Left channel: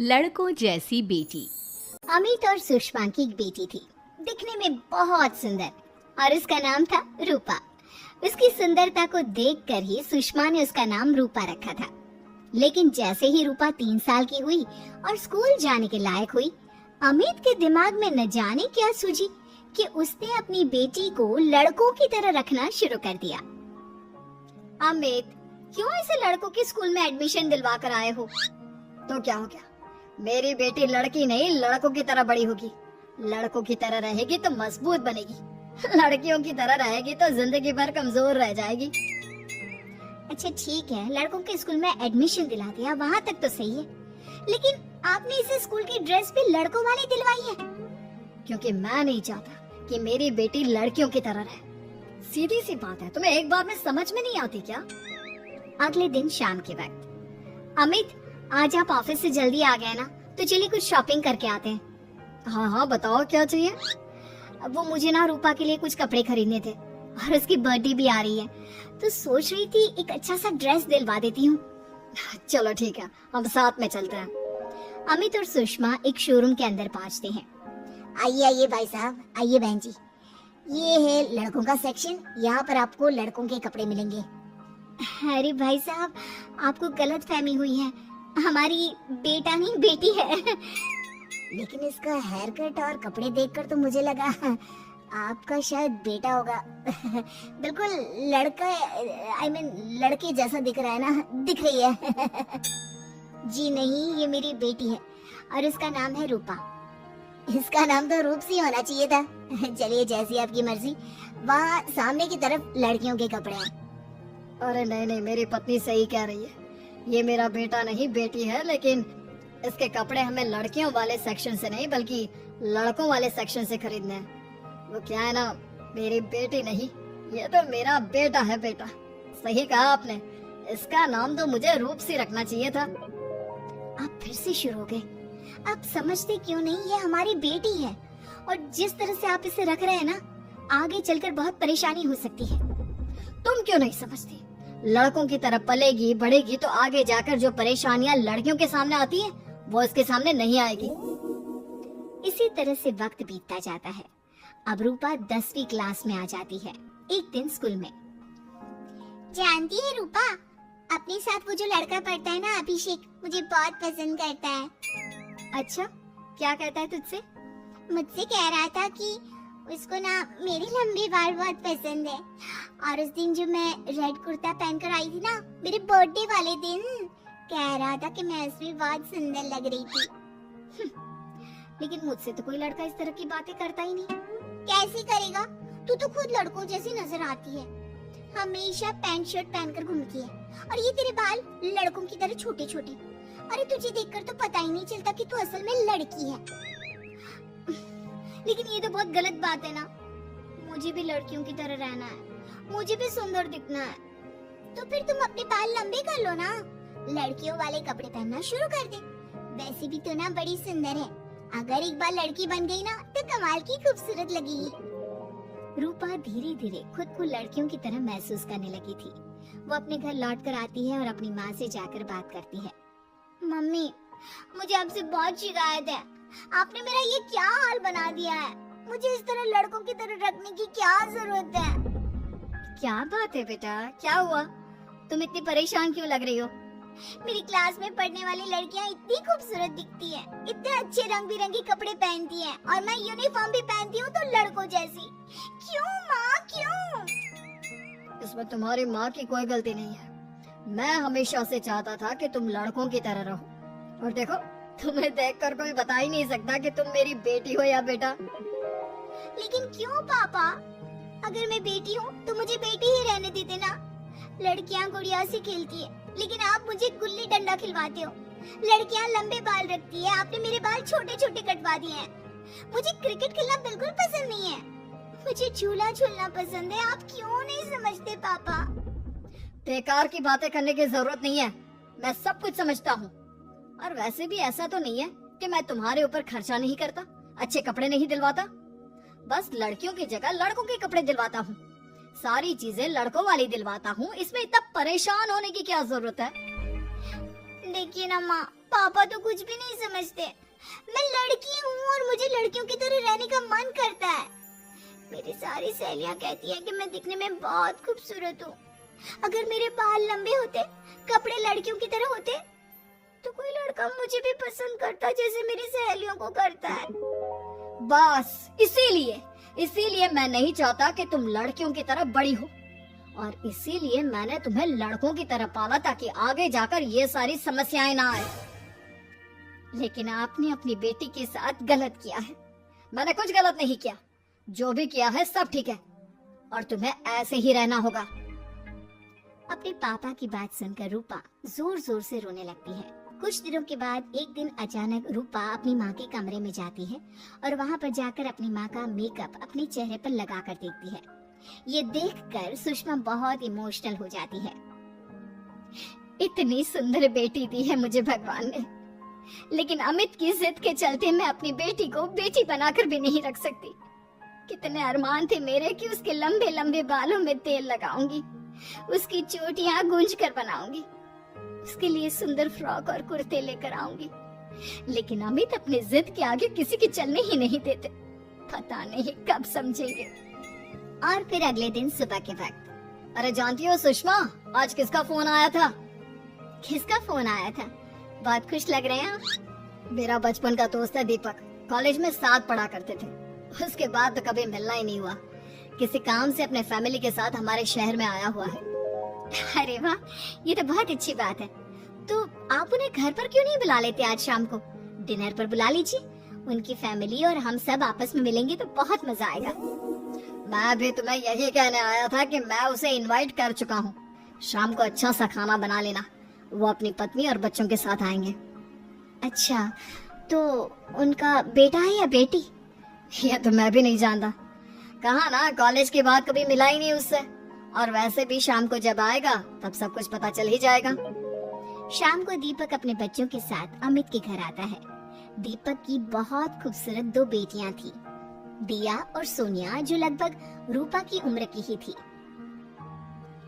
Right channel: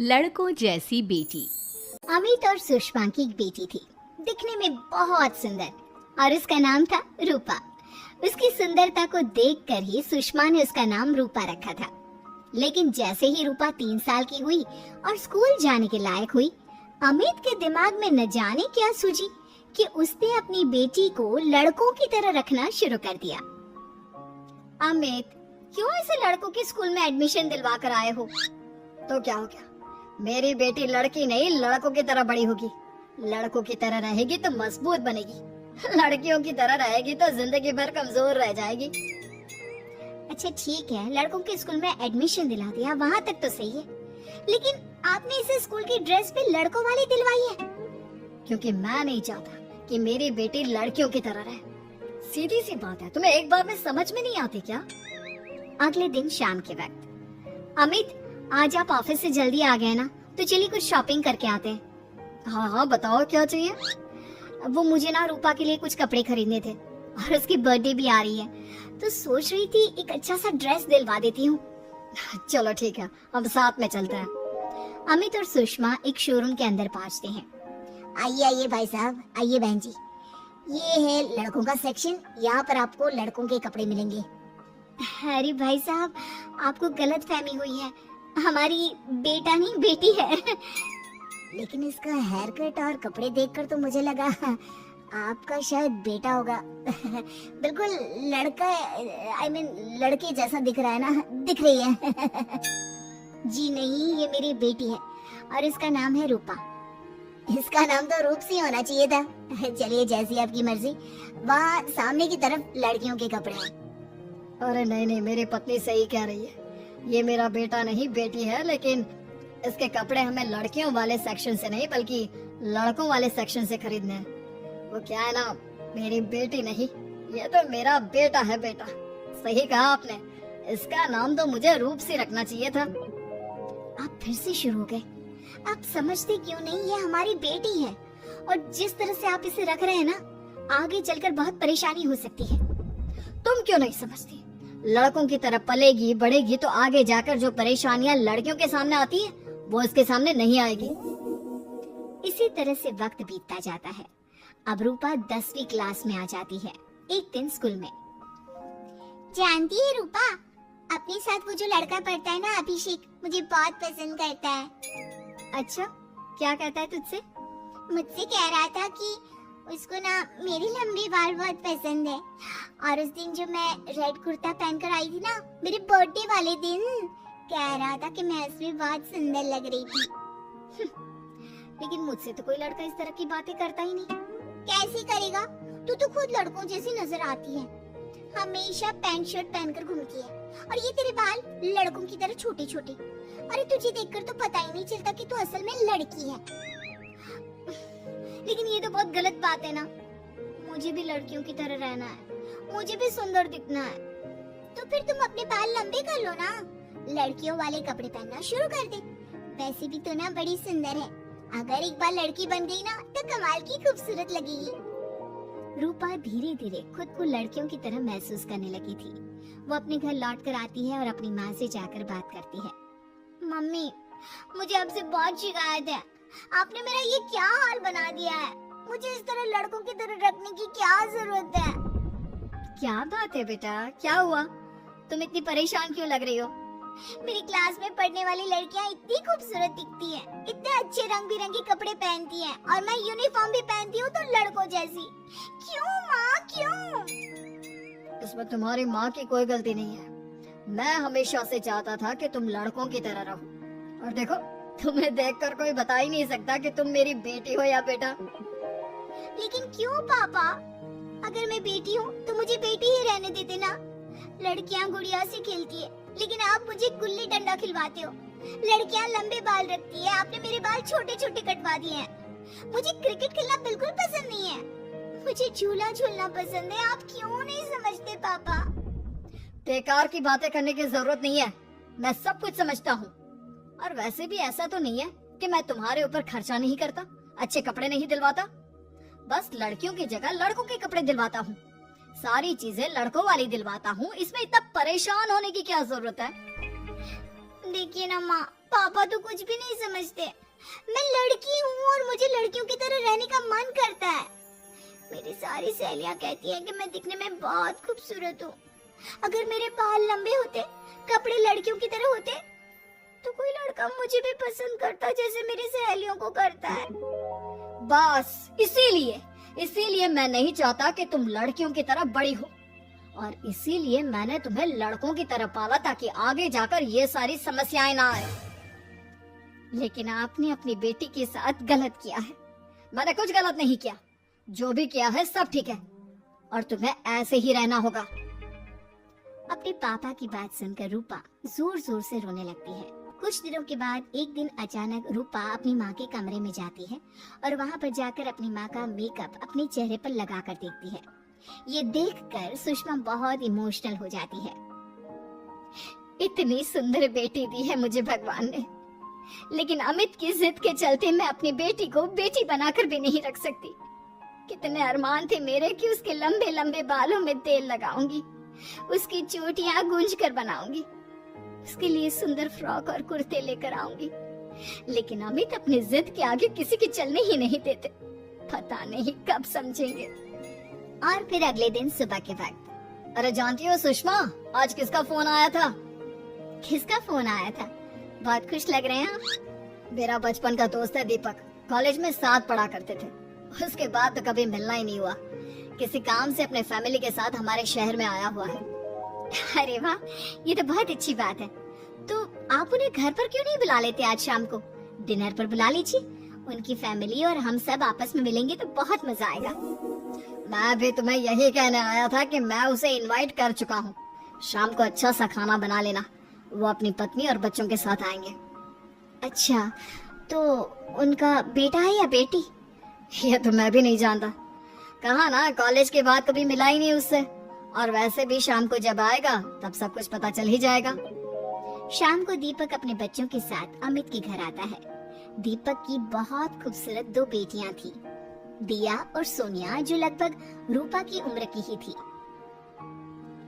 लड़कों जैसी बेटी। अमित और सुषमा की एक बेटी थी, दिखने में बहुत सुंदर, और उसका नाम था रूपा। उसकी सुंदरता को देखकर ही सुषमा ने उसका नाम रूपा रखा था। लेकिन जैसे ही रूपा 3 साल की हुई और स्कूल जाने के लायक हुई, अमित के दिमाग में न जाने क्या सूझी कि उसने अपनी बेटी को लड़कों की तरह रखना शुरू कर दिया। अमित, क्यों इसे लड़कों के स्कूल में एडमिशन दिलवा कर आए हो? तो क्या हो गया, मेरी बेटी लड़की नहीं लड़कों की तरह बड़ी होगी। लड़कों की तरह रहेगी तो मजबूत बनेगी, लड़कियों की तरह रहेगी तो जिंदगी भर कमजोर रह जाएगी। अच्छा ठीक है, लड़कों के स्कूल में एडमिशन दिला दिया, वहाँ तक तो सही है। लेकिन आपने इसे स्कूल की ड्रेस भी लड़कों वाली दिलवाई है। क्योंकि मैं नहीं चाहता कि मेरी बेटी लड़कियों की तरह रहे। सीधी सी बात है, तुम्हें एक बार में समझ में नहीं आती क्या? अगले दिन शाम के वक्त, अमित आज आप ऑफिस से जल्दी आ गए ना, तो चलिए कुछ शॉपिंग करके आते हैं। हाँ हाँ बताओ क्या चाहिए। वो मुझे ना रूपा के लिए कुछ कपड़े खरीदने थे और उसकी बर्थडे भी आ रही है, तो सोच रही थी एक अच्छा सा ड्रेस दिलवा देती हूँ। चलो ठीक है, हम साथ में चलते हैं। अमित और सुषमा एक शोरूम के अंदर पहुँचते हैं। आइए आइए भाई साहब, आइए बहन जी, ये है लड़कों का सेक्शन, यहाँ पर आपको लड़कों के कपड़े मिलेंगे। अरे भाई साहब, आपको गलत फहमी हुई है, हमारी बेटा नहीं बेटी है। लेकिन इसका हेयर कट और कपड़े देखकर तो मुझे लगा आपका शायद बेटा होगा। बिल्कुल लड़का, आई मीन लड़की जैसा दिख रहा है ना, दिख रही है। जी नहीं, ये मेरी बेटी है और इसका नाम है रूपा। इसका नाम तो रूप सी होना चाहिए था। चलिए जैसी आपकी मर्जी, वहाँ सामने की तरफ लड़कियों के कपड़े हैं। अरे नहीं नहीं, मेरी पत्नी सही कह रही है, ये मेरा बेटा नहीं बेटी है, लेकिन इसके कपड़े हमें लड़कियों वाले सेक्शन से नहीं बल्कि लड़कों वाले सेक्शन से खरीदने हैं। वो क्या है ना, मेरी बेटी नहीं, ये तो मेरा बेटा है। बेटा सही कहा आपने, इसका नाम तो मुझे रूप से रखना चाहिए था। आप फिर से शुरू हो गए। आप समझते क्यों नहीं, ये हमारी बेटी है और जिस तरह से आप इसे रख रहे हैं ना, आगे चलकर बहुत परेशानी हो सकती है। तुम क्यों नहीं समझती? लड़कों की तरह पलेगी बढ़ेगी तो आगे जाकर जो परेशानियां लड़कियों के सामने आती है वो इसके सामने नहीं आएगी। इसी तरह से वक्त बीतता जाता है। अब रूपा 10वीं क्लास में आ जाती है। एक दिन स्कूल में, जानती है रूपा, अपने साथ वो जो लड़का पढ़ता है ना, अभिषेक, मुझे बहुत पसंद करता है। अच्छा, क्या कहता है तुझसे? मुझसे कह रहा था कि उसको ना मेरे लंबे बाल बहुत पसंद है, और उस दिन जो मैं रेड कुर्ता पहनकर आई थी ना, मेरे बर्थडे वाले दिन, कह रहा था कि मैं उसमें बहुत सुंदर लग रही थी। लेकिन मुझसे तो कोई लड़का इस तरह की बातें करता ही नहीं। कैसे करेगा? तू तो खुद लड़कों जैसी नजर आती है, हमेशा पैंट शर्ट पहनकर घूमती है, और ये तेरे बाल लड़कों की तरह छोटे छोटे। अरे तुझे देखकर तो पता ही नहीं चलता कि तू असल में लड़की है। लेकिन ये तो बहुत गलत बात है ना, मुझे भी लड़कियों की तरह रहना है, मुझे भी सुंदर दिखना है। तो फिर तुम अपने बाल लंबे कर लो ना, लड़कियों वाले कपड़े पहनना शुरू कर दे। वैसे भी तो ना बड़ी सुंदर है, अगर एक बार लड़की बन गई ना तो कमाल की खूबसूरत लगेगी। रूपा धीरे धीरे खुद को लड़कियों की तरह महसूस करने लगी थी। वो अपने घर लौट कर आती है और अपनी माँ से जाकर बात करती है। मम्मी, मुझे आपसे बहुत शिकायत है, आपने मेरा ये क्या हाल बना दिया है, मुझे इस तरह लड़कों की तरह रखने की क्या जरूरत है? क्या बात है बेटा, क्या हुआ? तुम इतनी परेशान क्यों लग रही हो? मेरी क्लास में पढ़ने वाली लड़कियां इतनी खूबसूरत दिखती हैं, इतने अच्छे रंग बिरंगे कपड़े पहनती हैं, और मैं यूनिफॉर्म भी पहनती हूँ तो लड़कों जैसी। क्यों माँ, क्यों? इसमें तुम्हारी माँ की कोई गलती नहीं है। मैं हमेशा से चाहता था कि तुम लड़कों की तरह रहो, और देखो तुम्हें देखकर कोई बता ही नहीं सकता कि तुम मेरी बेटी हो या बेटा। लेकिन क्यों पापा? अगर मैं बेटी हूँ तो मुझे बेटी ही रहने देते ना। लड़कियाँ गुड़िया से खेलती है, लेकिन आप मुझे गुल्ली डंडा खिलवाते हो। लड़कियाँ लंबे बाल रखती है, आपने मेरे बाल छोटे छोटे कटवा दिए हैं। मुझे क्रिकेट खेलना बिल्कुल पसंद नहीं है, मुझे झूला झूलना पसंद है। आप क्यों नहीं समझते पापा? बेकार की बातें करने की जरूरत नहीं है, मैं सब कुछ समझता हूँ। और वैसे भी ऐसा तो नहीं है कि मैं तुम्हारे ऊपर खर्चा नहीं करता, अच्छे कपड़े नहीं दिलवाता, बस लड़कियों की जगह लड़कों के कपड़े दिलवाता हूँ, सारी चीजें लड़कों वाली दिलवाता हूँ। इसमें इतना परेशान होने की क्या जरूरत है? देखिए ना माँ, पापा तो कुछ भी नहीं समझ समझते। मैं लड़की हूँ और मुझे लड़कियों की तरह रहने का मन करता है। मेरी सारी सहेलियां कहती हैं कि मैं दिखने में बहुत खूबसूरत हूँ। अगर मेरे बाल लंबे होते, कपड़े लड़कियों की तरह होते, तो कोई लड़का मुझे भी पसंद करता जैसे मेरी सहेलियों को करता है। बस इसीलिए मैं नहीं चाहता कि तुम लड़कियों की तरह बड़ी हो, और इसीलिए मैंने तुम्हें लड़कों की तरह पाला ताकि आगे जाकर ये सारी समस्याएं ना आए। लेकिन आपने अपनी बेटी के साथ गलत किया है। मैंने कुछ गलत नहीं किया, जो भी किया है सब ठीक है, और तुम्हें ऐसे ही रहना होगा। अपने पापा की बात सुनकर रूपा जोर जोर से रोने लगती है। कुछ दिनों के बाद एक दिन अचानक रूपा अपनी माँ के कमरे में जाती है और वहाँ पर जाकर अपनी माँ का मेकअप अपने चेहरे पर लगा कर देखती है। ये देखकर सुषमा बहुत इमोशनल हो जाती है। इतनी सुंदर बेटी दी है मुझे भगवान ने, लेकिन अमित की जिद के चलते मैं अपनी बेटी को बेटी बनाकर भी नहीं रख सकती। कितने अरमान थे मेरे कि उसके लंबे लंबे बालों में तेल लगाऊंगी, उसकी चोटियां गूंज कर बनाऊंगी, उसके लिए सुंदर फ्रॉक और कुर्ते लेकर आऊंगी। लेकिन अमित अपनी जिद के आगे किसी के चलने ही नहीं देते। पता नहीं कब समझेंगे। और फिर अगले दिन सुबह के वक्त, अरे जानती हो सुषमा, आज किसका फोन आया था? किसका फोन आया था? बहुत खुश लग रहे हैं आप। मेरा बचपन का दोस्त है दीपक, कॉलेज में साथ पढ़ा करते थे। उसके बाद तो कभी मिलना ही नहीं हुआ। किसी काम से अपने फैमिली के साथ हमारे शहर में आया हुआ है। अरे वाह, ये तो बहुत अच्छी बात है। तो आप उन्हें घर पर क्यों नहीं बुला लेते? आज शाम को डिनर पर बुला लीजिए। उनकी फैमिली और हम सब आपस में मिलेंगे तो बहुत मजा आएगा। मैं भी तुम्हें यही कहने आया था कि मैं उसे इनवाइट कर चुका हूँ। शाम को अच्छा सा खाना बना लेना, वो अपनी पत्नी और बच्चों के साथ आएंगे। अच्छा, तो उनका बेटा है या बेटी? ये तो मैं भी नहीं जानता। कहा ना, कॉलेज के बाद कभी मिला ही नहीं उससे, और वैसे भी शाम को जब आएगा तब सब कुछ पता चल ही जाएगा। शाम को दीपक अपने बच्चों के साथ अमित के घर आता है। दीपक की बहुत खूबसूरत दो बेटियां थी, दिया और सोनिया, जो लगभग रूपा की उम्र की ही थी।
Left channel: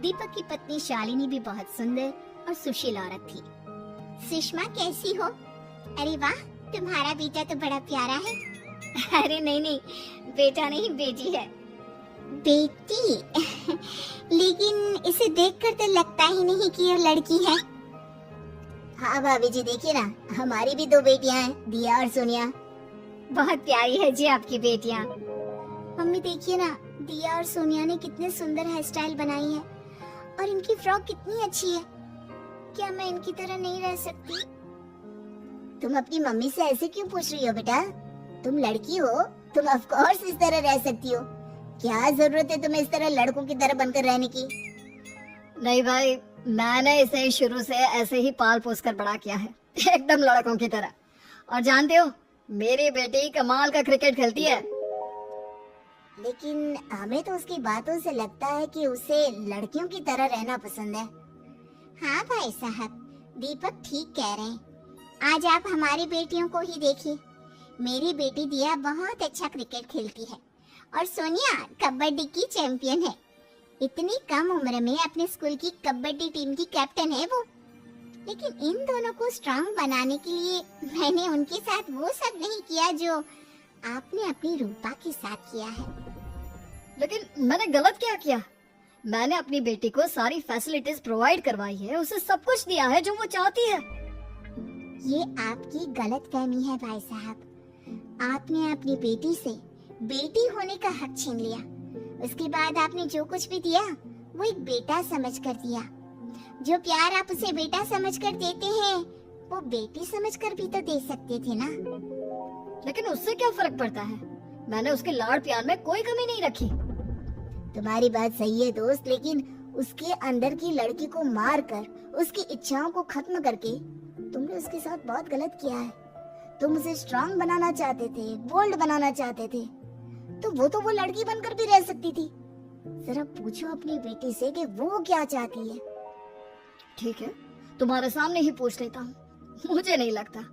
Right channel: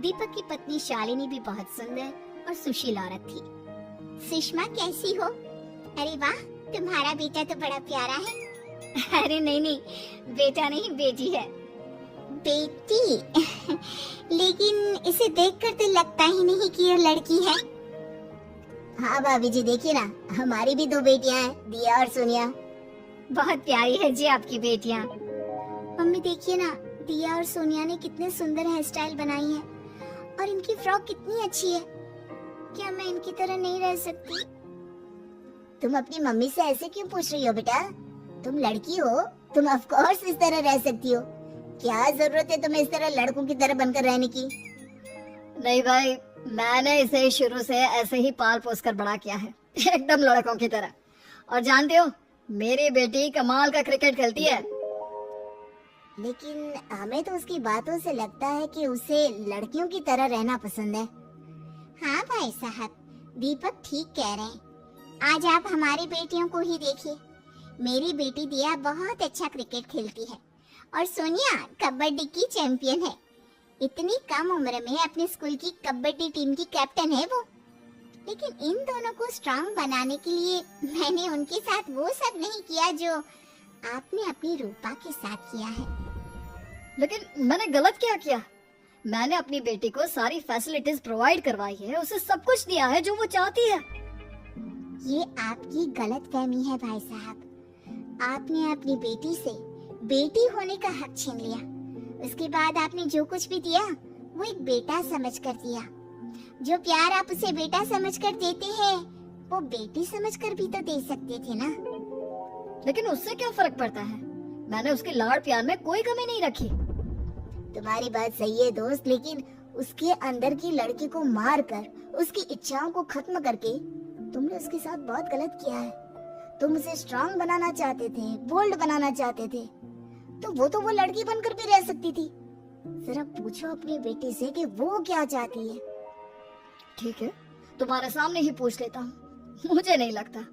दीपक की पत्नी शालिनी भी बहुत सुंदर और सुशील औरत थी। सुषमा कैसी हो? अरे वाह, तुम्हारा बेटा तो बड़ा प्यारा है। अरे नहीं, बेटा नहीं बेटी है। बेटी? लेकिन इसे देखकर तो लगता ही नहीं कि ये लड़की है। हाँ भाभी जी, देखिए ना, हमारी भी दो बेटियां हैं, दिया और सोनिया। बहुत प्यारी है जी आपकी बेटियां। मम्मी देखिए ना, दिया और सोनिया ने कितने सुंदर हेयर स्टाइल बनाई है, और इनकी फ्रॉक कितनी अच्छी है। क्या मैं इनकी तरह नहीं रह सकती? तुम अपनी मम्मी से ऐसे क्यों पूछ रही हो बेटा? तुम लड़की हो, तुम ऑफ कोर्स इस तरह रह सकती हो। क्या जरूरत है तुम्हें इस तरह लड़कों की तरह बनकर रहने की? नहीं भाई, मैंने इसे शुरू से ऐसे ही पाल पोस कर बड़ा किया है, एकदम लड़कों की तरह। और जानते हो, मेरी बेटी कमाल का क्रिकेट खेलती है। लेकिन हमें तो उसकी बातों से लगता है कि उसे लड़कियों की तरह रहना पसंद है। हाँ भाई साहब, दीपक ठीक कह रहे हैं। आज आप हमारी बेटियों को ही देखिए। मेरी बेटी दिया बहुत अच्छा क्रिकेट खेलती है, और सोनिया कबड्डी की चैंपियन है। इतनी कम उम्र में अपने स्कूल की कबड्डी टीम की कैप्टन है वो। लेकिन इन दोनों को स्ट्रांग बनाने के लिए मैंने उनके साथ वो सब नहीं किया जो आपने अपनी रूपा के साथ किया है। लेकिन मैंने गलत क्या किया? मैंने अपनी बेटी को सारी फैसिलिटीज प्रोवाइड करवाई है, उसे सब कुछ दिया है जो वो चाहती है। ये आपकी गलतफहमी है भाई साहब। आपने अपनी बेटी से बेटी होने का हक छीन लिया। उसके बाद आपने जो कुछ भी दिया वो एक बेटा समझकर दिया। जो प्यार आप उसे बेटा समझकर देते हैं, वो बेटी समझकर भी तो दे सकती थी ना। लेकिन उससे क्या फर्क पड़ता है? मैंने उसके लाड़ प्यार में कोई कमी नहीं रखी। तुम्हारी बात सही है दोस्त, लेकिन उसके अंदर की लड़की को मार कर, उसकी इच्छाओं को खत्म करके तुमने उसके साथ बहुत गलत किया है। तुम उसे स्ट्रांग बनाना चाहते थे, बोल्ड बनाना चाहते थे, तो वो लड़की बनकर भी रह सकती थी। जरा पूछो अपनी बेटी से कि वो क्या चाहती है। ठीक है, तुम्हारे सामने ही पूछ लेता हूँ। मुझे नहीं लगता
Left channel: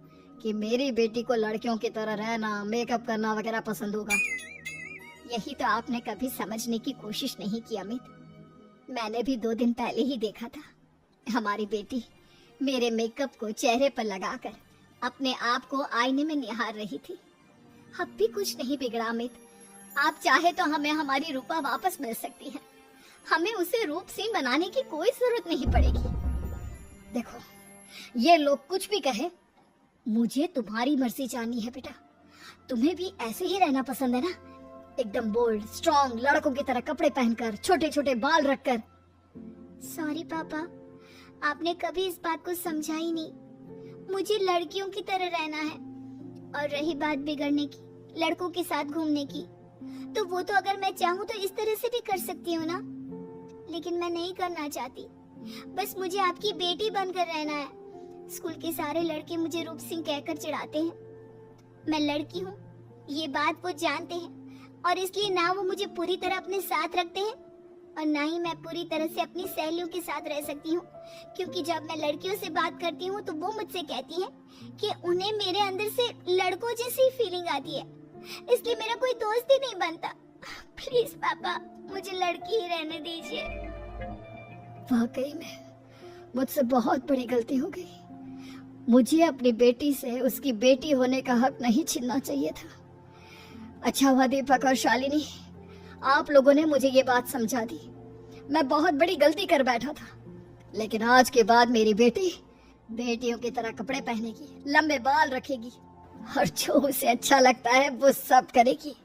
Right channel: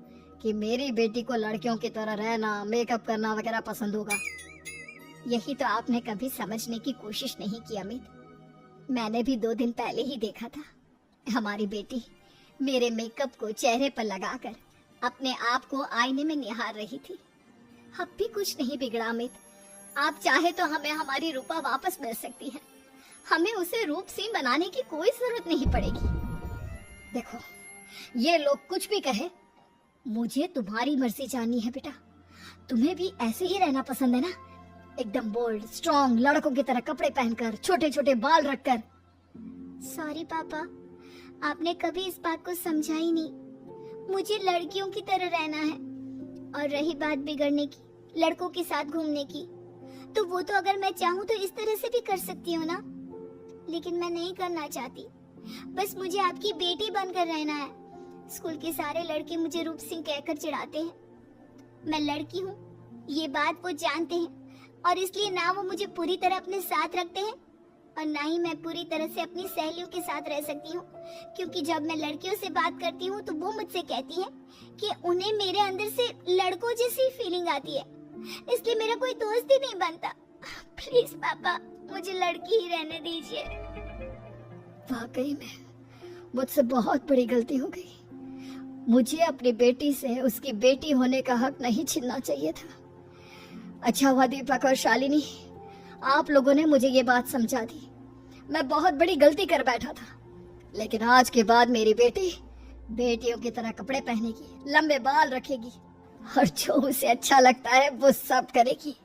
कि मेरी बेटी को लड़कियों की तरह रहना, मेकअप करना वगैरह पसंद होगा। यही तो आपने कभी समझने की कोशिश नहीं की अमित। मैंने भी 2 दिन पहले ही देखा था हमारी बेटी मेरे मेकअप को चेहरे पर लगाकर अपने आप को आईने में निहार रही थी। अब भी कुछ नहीं बिगड़ा अमित। आप चाहे तो हमें हमारी रूपा वापस मिल सकती है। हमें उसे रूप सिंह बनाने की कोई जरूरत नहीं पड़ेगी। देखो, ये लोग कुछ भी कहे, मुझे तुम्हारी मर्जी जाननी है बेटा। तुम्हें भी ऐसे ही रहना पसंद है ना? एकदम बोल्ड, स्ट्रॉन्ग, लड़कों की तरह कपड़े पहनकर, छोटे छोटे बाल रखकर। सॉरी पापा, आपने कभी इस बात को समझा ही नहीं। मुझे लड़कियों की तरह रहना है। और रही बात बिगड़ने की, लड़कों के साथ घूमने की, तो वो तो अगर मैं चाहूँ तो इस तरह से भी कर सकती हूँ ना। लेकिन मैं नहीं करना चाहती। बस मुझे आपकी बेटी बनकर रहना है। स्कूल के सारे लड़के मुझे रूप सिंह कहकर चिढ़ाते हैं। मैं लड़की हूँ, ये बात वो जानते हैं, और इसलिए ना वो मुझे पूरी तरह अपने साथ रखते हैं और ना ही मैं पूरी तरह से अपनी सहेलियों के साथ रह सकती हूँ। क्योंकि जब मैं लड़कियों से बात करती हूँ तो वो मुझसे कहती हैं कि उन्हें मेरे अंदर से लड़कों जैसी फीलिंग आती है, इसलिए मेरा कोई दोस्त ही नहीं बनता। प्लीज पापा, मुझे लड़की ही रहने दीजिए। वाकई में मुझसे बहुत बड़ी गलती हो गई। मुझे अपनी बेटी से उसकी बेटी होने का हक नहीं छीनना चाहिए था। अच्छा हुआ दीपक और शालिनी, आप लोगों ने मुझे ये बात समझा दी। मैं बहुत बड़ी गलती कर बैठा था। लेकिन आज के बाद मेरी बेटी बेटियों की तरह कपड़े पहनेगी, लंबे बाल रखेगी और जो उसे अच्छा लगता है वो सब करेगी।